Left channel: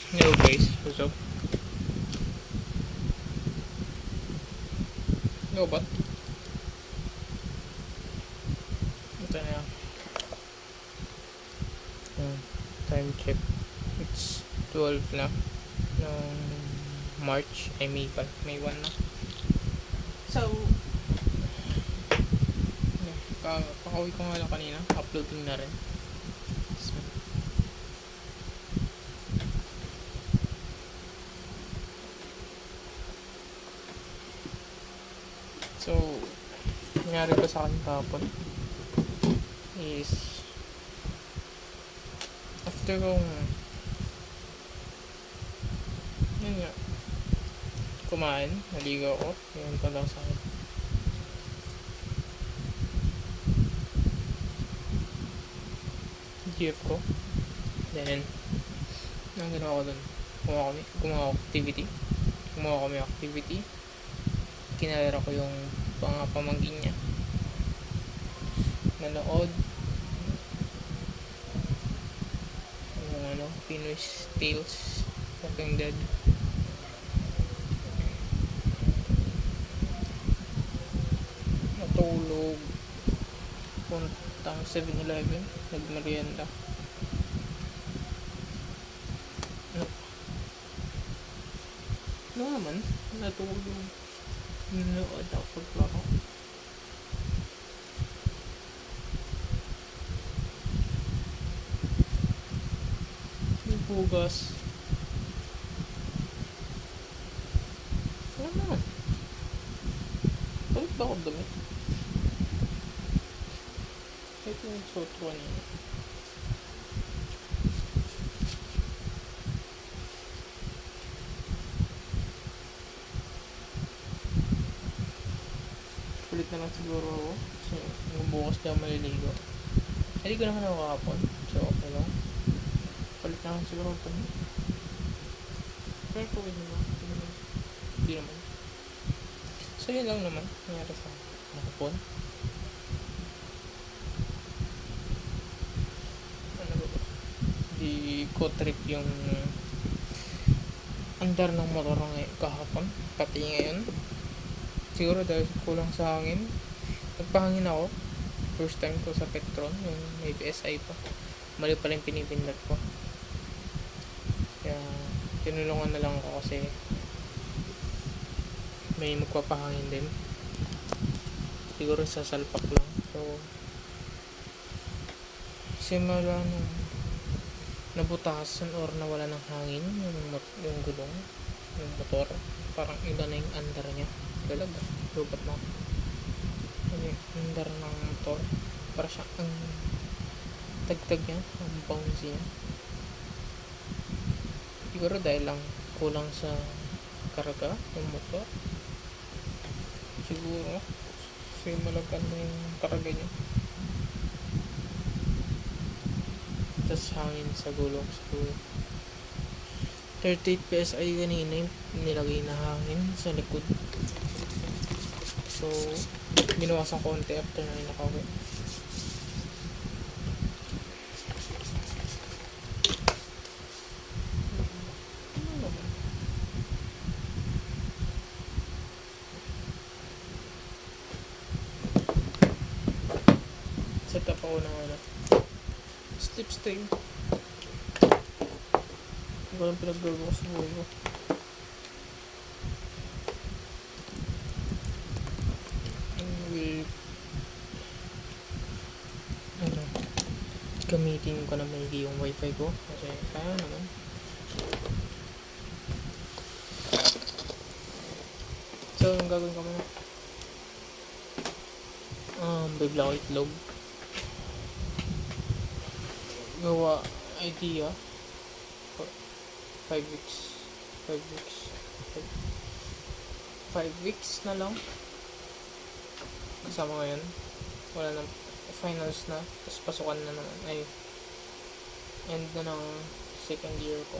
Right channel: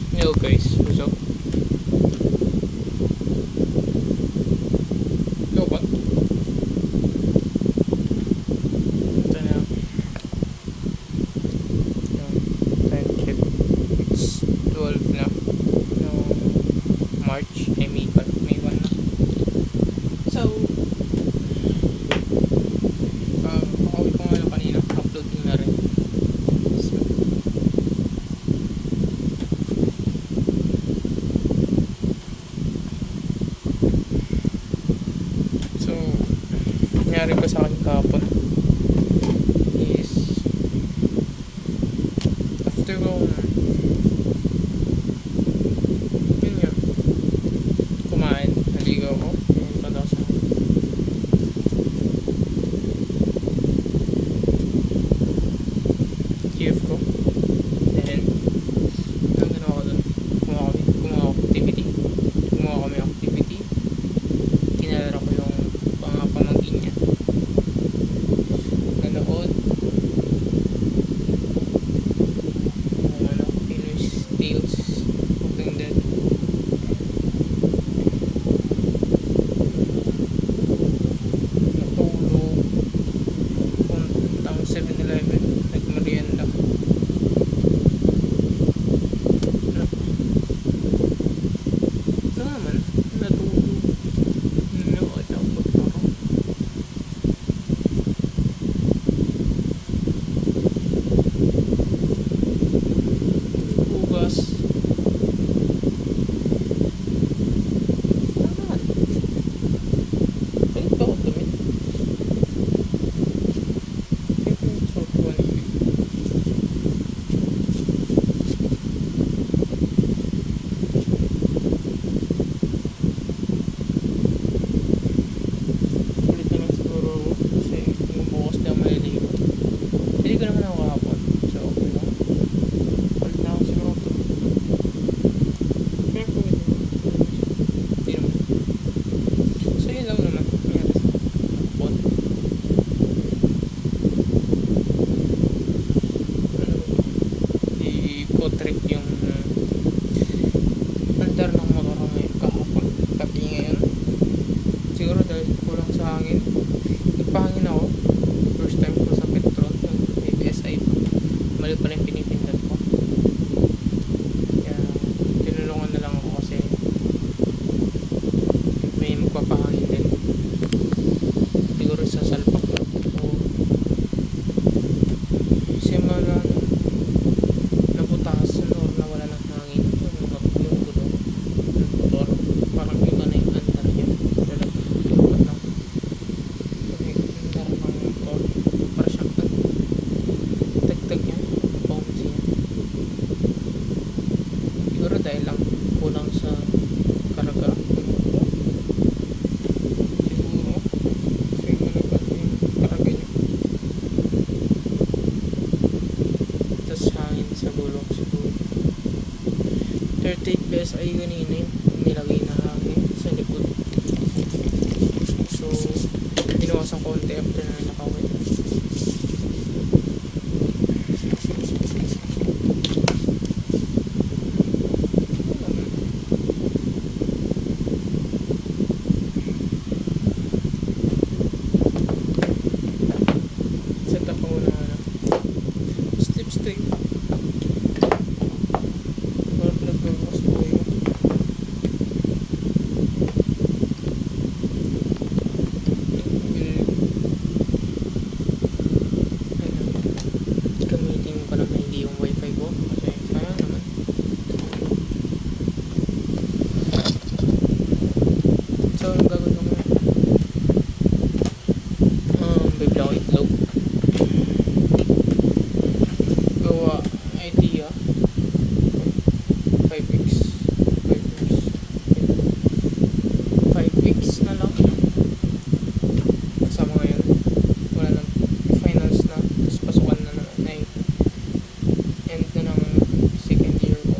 Hello guys, what's up? Hello ba? Ito na lang. Time check. It's 12 na. No, March, May 1 na. So, pakauwi ko nga lang kanina. Uploading na rin. So, nangyari ko sa akin kahapon is after kong yun nga kumain, naligaw ko yun pa daw sa GF ko. Then ang ginawa ko dun, gumawa kami activity, kinalaro ko yung pamangkin niya, nanood yung Pinoy Tales, Walking Dead. Natulog, puntang 7-Eleven, nagmerienda. Ito naman, natulog. At tapos ako hugas. Ano naman? Pagod pa ako dumi. Ito yung suot ko na. Ulit na lang siguro ako kasi bukas na may ligo. Hindi ko naman ako kahapon, so okay lang. Ulit na ako siguro ito. Pero kung hindi naman. So yun lang naman nangyari sa kahapon. Ano ba? I-co-trip yung andar ng motor ngayon kahapon. Pati ngayon. Siguro dahil kulang sa hangin. Nagpahangin ako. First time ko sa Petron. Yung may PSI pa. Mali pala yung pinipindot ko. Kaya tinulungan na lang ako kasi may magpapahangin din. Siguro sa salpak lang. So simula nabutasan or nawala ng hangin yung gulong ng motor. Parang iba na yung andar niya. Talaga ilubat na yung andar ng motor. Para siyang tagtag niya, ang bouncy niya. Siguro dahil lang kulang sa karga yung motor. Siguro kasi malagan yung karga niya. Tas hangin sa gulong siguro. 38 PSI kanina yung nilagay na hangin sa likod. So binawasan konti after na nakawin. Set up ako na slipstream. Nagbubukas ko yun. Gamitin ko na maigi yung wifi ko kasi sayang naman. So gagawin ko muna bigla ko itlog gawa idea 5 weeks 5 weeks na lang kasama ngayon wala na finals na tapos pasukan na naman ay end na ng second year ko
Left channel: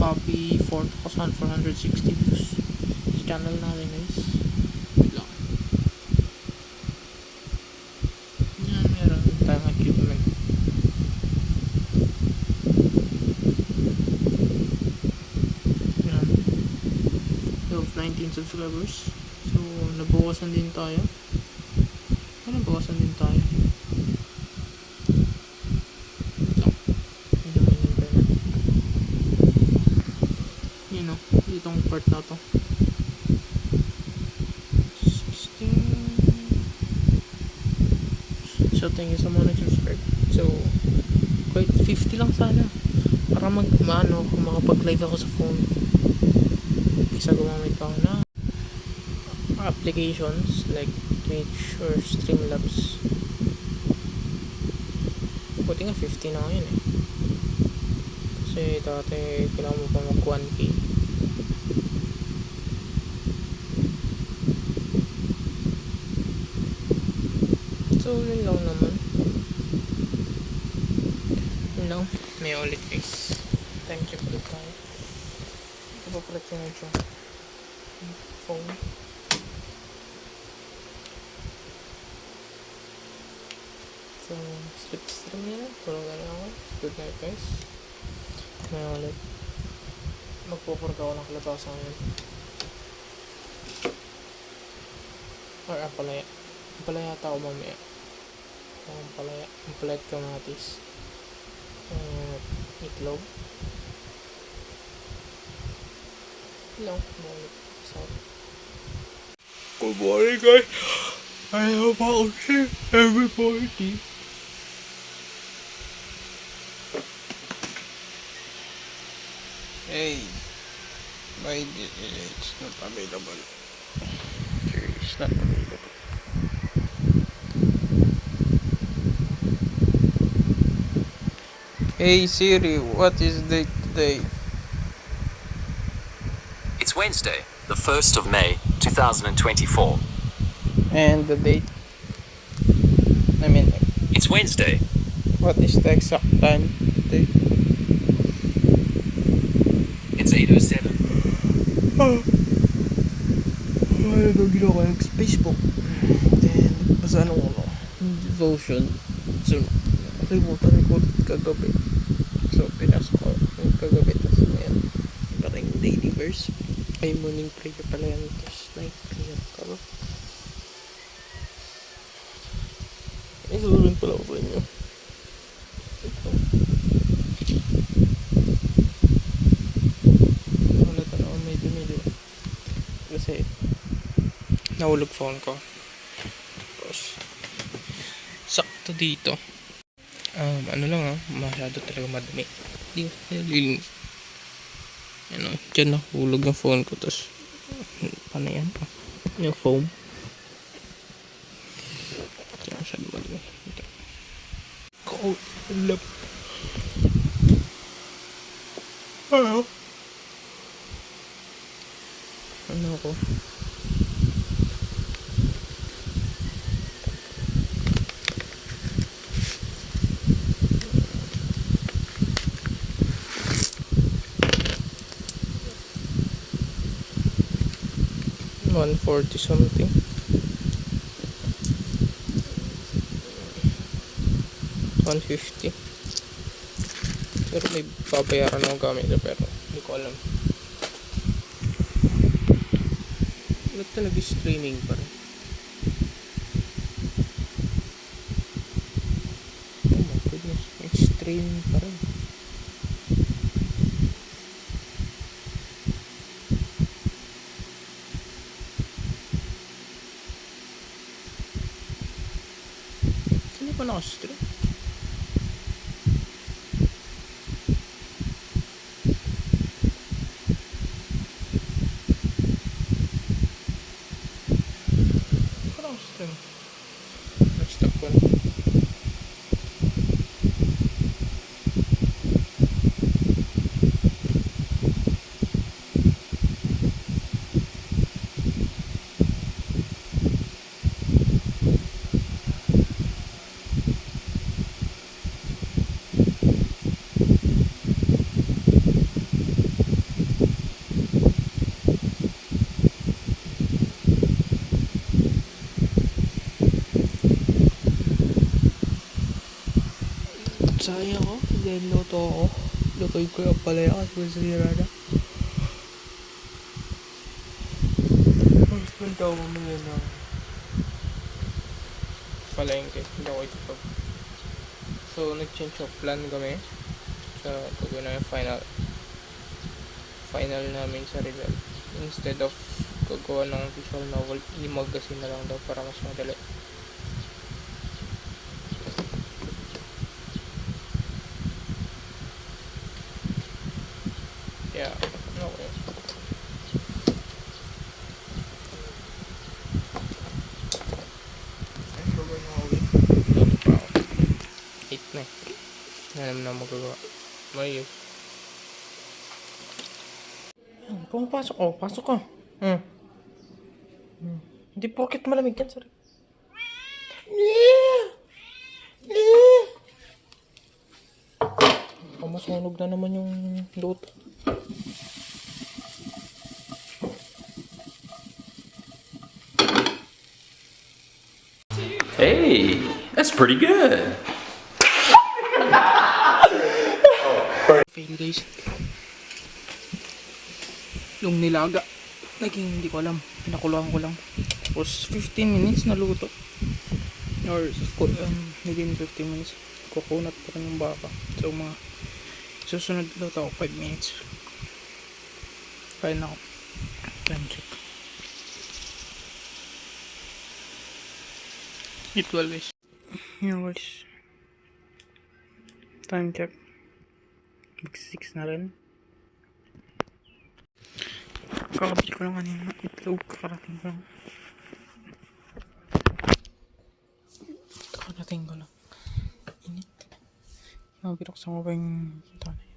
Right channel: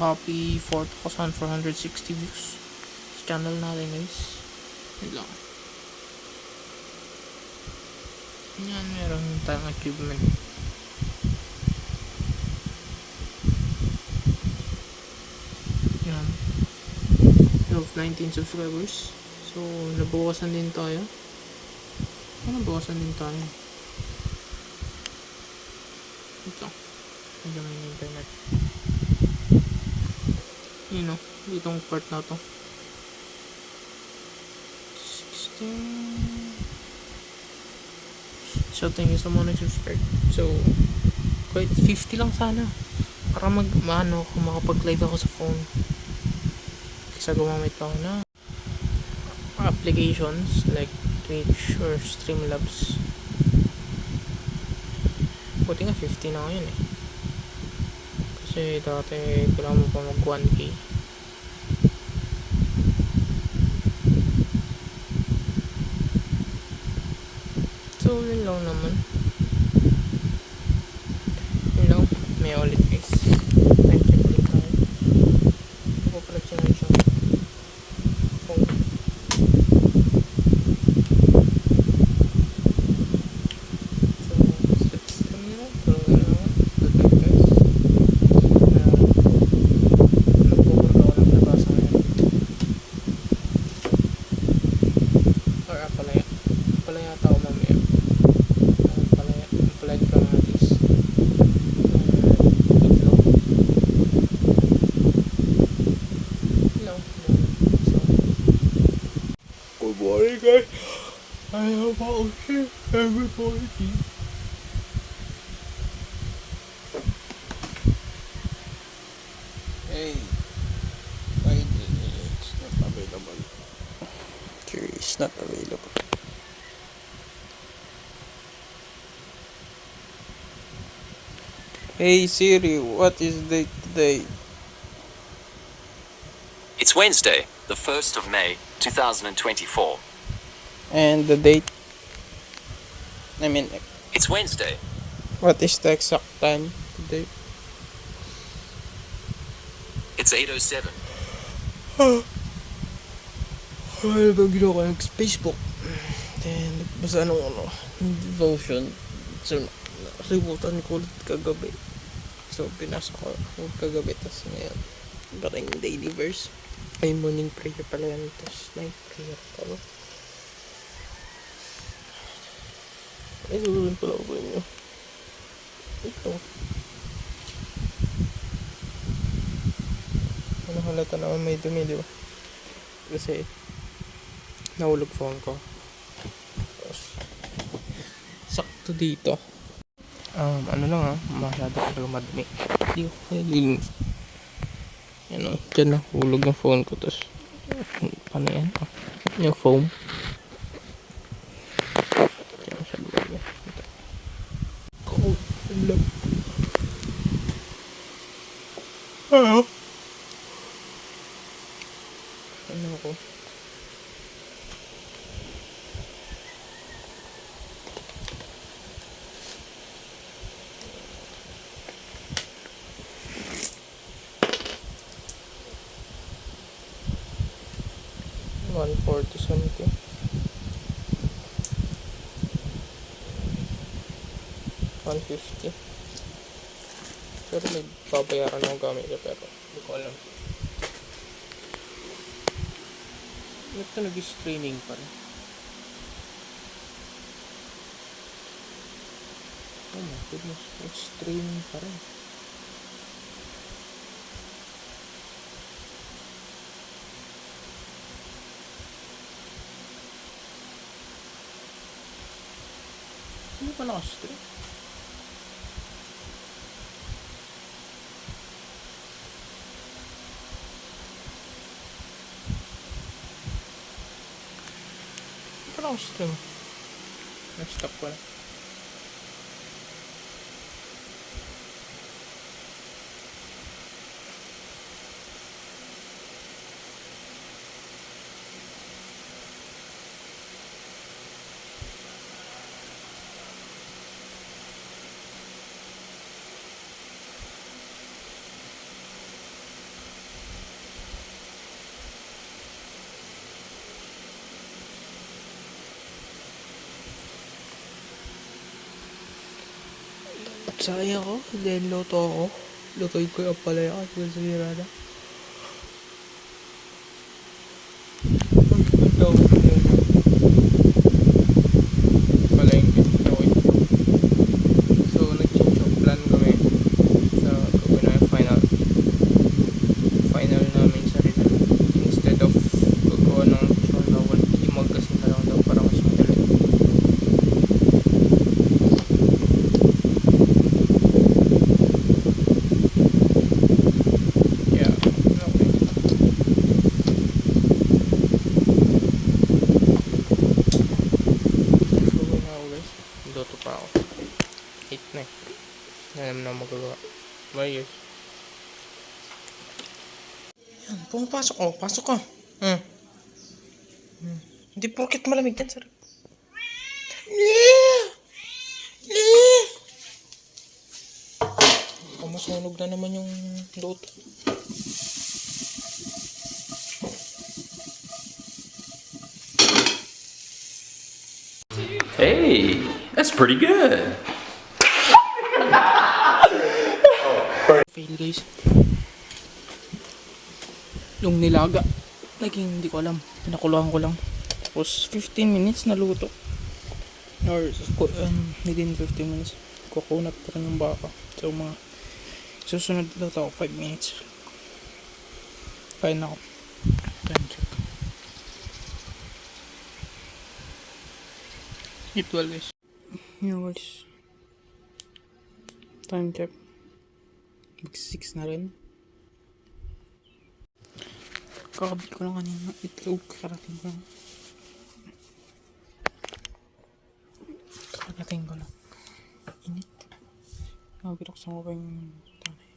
naka-copy 4,460 views sa channel natin guys. Wait lang. Yan, meron tayong achievement. Yan. We have 19 subscribers. So, nabawasan din tayo. Nabawasan din tayo. So, medyo may internet. You know, itong part na to. 16. So, thank you sa mga nag-subscribe. So, quite 50 lang sana. Para makapag-live ako sa phone. Kaysa gumamit pa ako na applications like Twitch or Streamlabs. Buti nga 50 na ngayon eh. Kasi dati kailangan mo pa mag 1K. So yun lang naman. Yun lang. May ulit guys. Time check ulit tayo. Papapalat siya nga isang phone. Palaya tao mamaya. Palaya kamatis. Itlog. Ilang. So. Good morning guys. I have about every morning. Hey, why did it's not available? Sure, it's not available. Hey Siri, what is the date today? It's Wednesday, the 1st of May, 2024. And the date? I mean, It's Wednesday. what is the exact time today? It's 8:07. Ay, ginawa ko ng Facebook. Then, basta devotion. So, nakalimutan ko ulit kagabi. So, pinasok ko yung kagabi. Tapos ngayon, parang daily verse. Ay, morning prayer pala yan. Tapos night prayer pala. Ay, gawin pala ako sa inyo. Ito. Nakalata na may dumili. Kasi, nahulog phone ko. Tapos, sakto dito. Ano lang masyado talaga madumi. Hindi ko nililinis. Ano, dyan nahulog ng phone ko. Tapos, paano yan? Yung foam. Kaya masyado madumi. Ito. Cold. Alam. Ano ko? $140 something. $150. Pero may babayaran ng gamit pero hindi ko alam. Ba't na nag-streaming pa rin? Oh my goodness, nag-streaming pa rin. Sino pa naka-stream? Stream. Nag-stop ko na. Sasain ako. Then, luto ako. Lutoin ko yung palaya at masira na. Ang tawag nila na palengke. Okay ito. So, nag-change of plan kami sa gagawin na yung final namin sa Rizal. Instead of gagawa ng visual novel, i-magazine na lang daw para mas madali. Yeah, okay. So, na uwi. Luto pa ako. 8 na eh. Wala naman ako magagawa. Mayos. Yan, pumapasok. Oh, pasok ka. Hindi porket malamig yan, sir. Masunog na naman yung luto. Hey, that's pretty good. Fail guys. Yung nilaga, naging hindi ko alam. Pinakuluan ko lang. Tapos 15 minutes na luto. Or within 15 minutes. Kukunat pa rin yung baka. So mga susunod luto ako 5 minutes. Kaya na ako. Time check. It well guys. Yun guys. Time check. Mag 6 na rin. Kakabit ko lang kanina itlog. Karating ko lang. Kakarating ko lang. Init. Nakabiroksan ko pa yung tanay.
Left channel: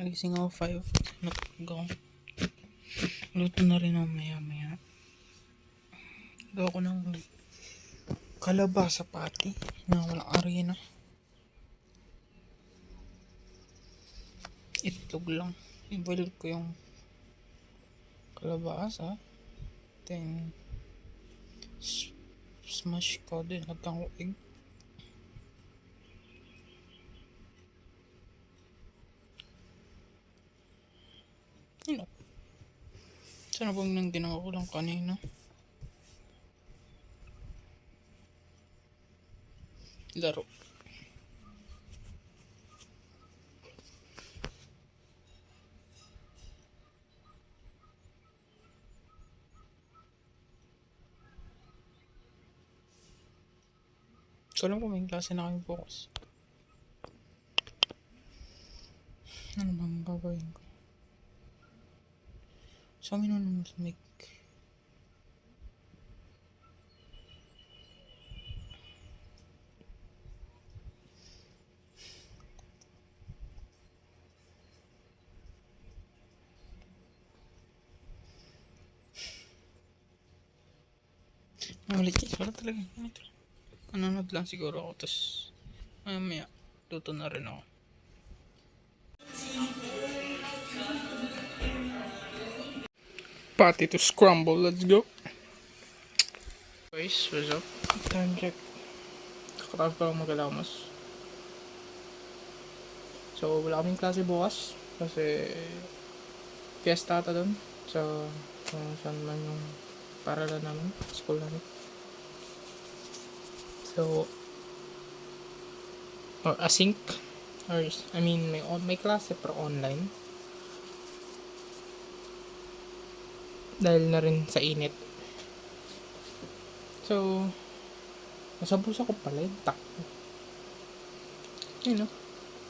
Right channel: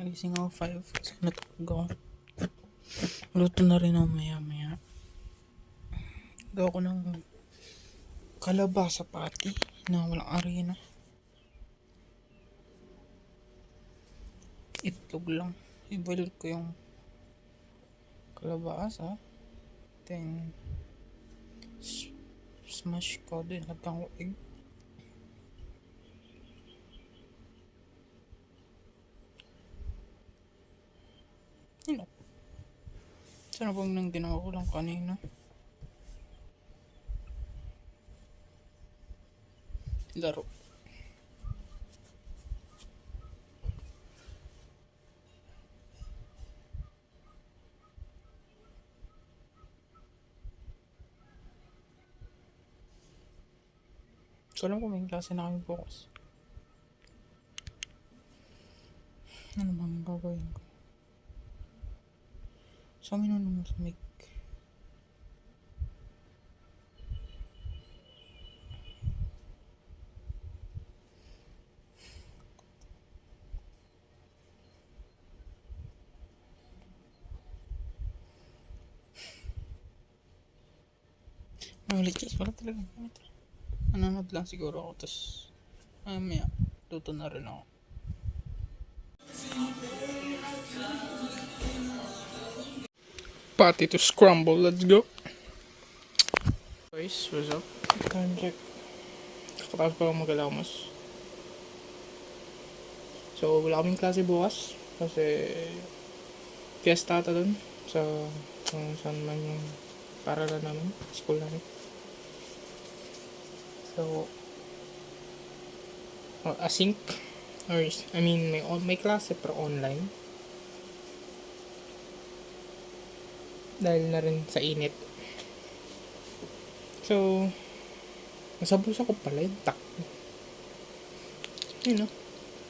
Nagising ako 5. Natulog ako. Luto na rin ako maya maya. Gawa ko ng kalabasa pati na walang arena. Itlog lang. I-boil ko yung kalabasa. Then smash ko din. Lagyan ko egg. Yun o. Sana bang nang ginawa ko lang kanina. Laro. So alam ko may klase na kami bukas. Ano bang gagawin ko? Sa amin naman sa mic. Ulit guys, wala talaga. Ganito. Nanonood lang siguro ako. Tapos mamaya, luto na rin ako. Patty to scramble, let's go. Guys, what's up? Time check. Kakatapos pa lang mag-alamos. So, wala kaming klase bukas. Kasi fiesta ata dun. Sa kung saan man yung paralan namin. School namin. So, async. Or, I mean, may klase pero online. Dahil na rin sa init. So, nasa bulsa ko pala yung takbo. Yun o.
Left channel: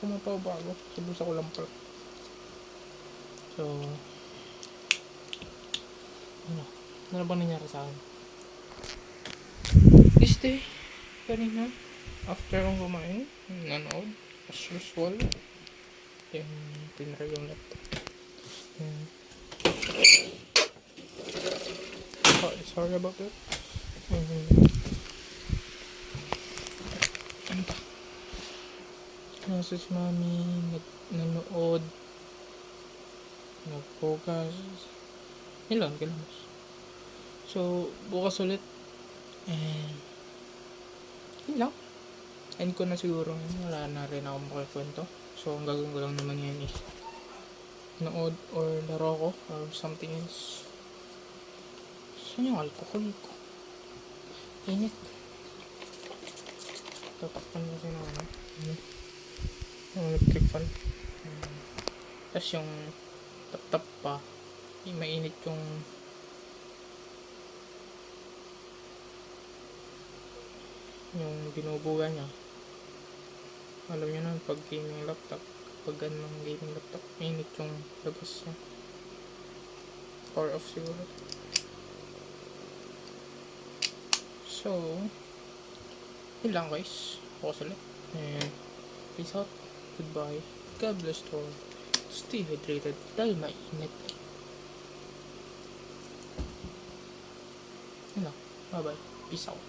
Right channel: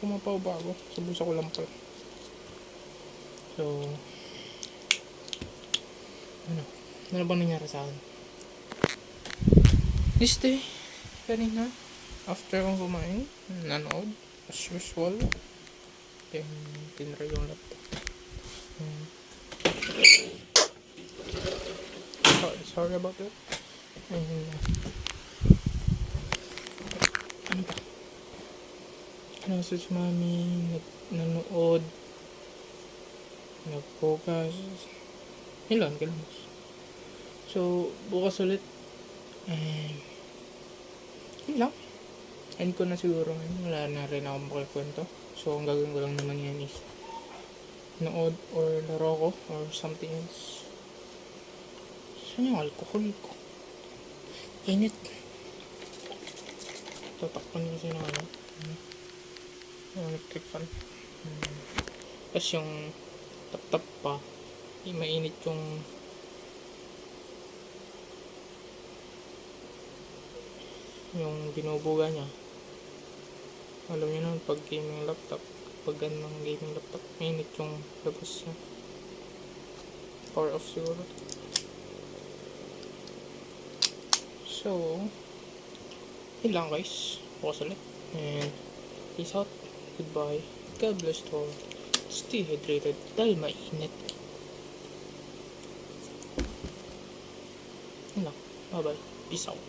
Pumapaw bago. Sa bulsa ko lang pala. So, ano ba nangyari sa akin? This day, kanina, after kong kumain, nanood, as usual. Then, tinry yung laptop. Sorry about that. Ano ba? Nasa si mami, nanood, nag-focus. Ilan, kilamos. So, bukas ulit. And, yun lang. end ko na siguro ngayon. Wala na rin akong makikwento. So, ang gagawin ko lang naman yan is nood or laro ko or something else. Saan yung alcohol ko? Init. Tatakpan kasi na ano. Yung electric fan. Tapos yung tap-tap pa. Mainit yung binubuga niya. Alam niyo naman pag gaming laptop, pag ganun ng gaming laptop, mainit yung labas niya. Power off siguro. So, yun lang guys. Bukas ulit. And peace out. Goodbye. God bless to all. Stay hydrated dahil mainit. Yun lang. Bye bye. Peace out.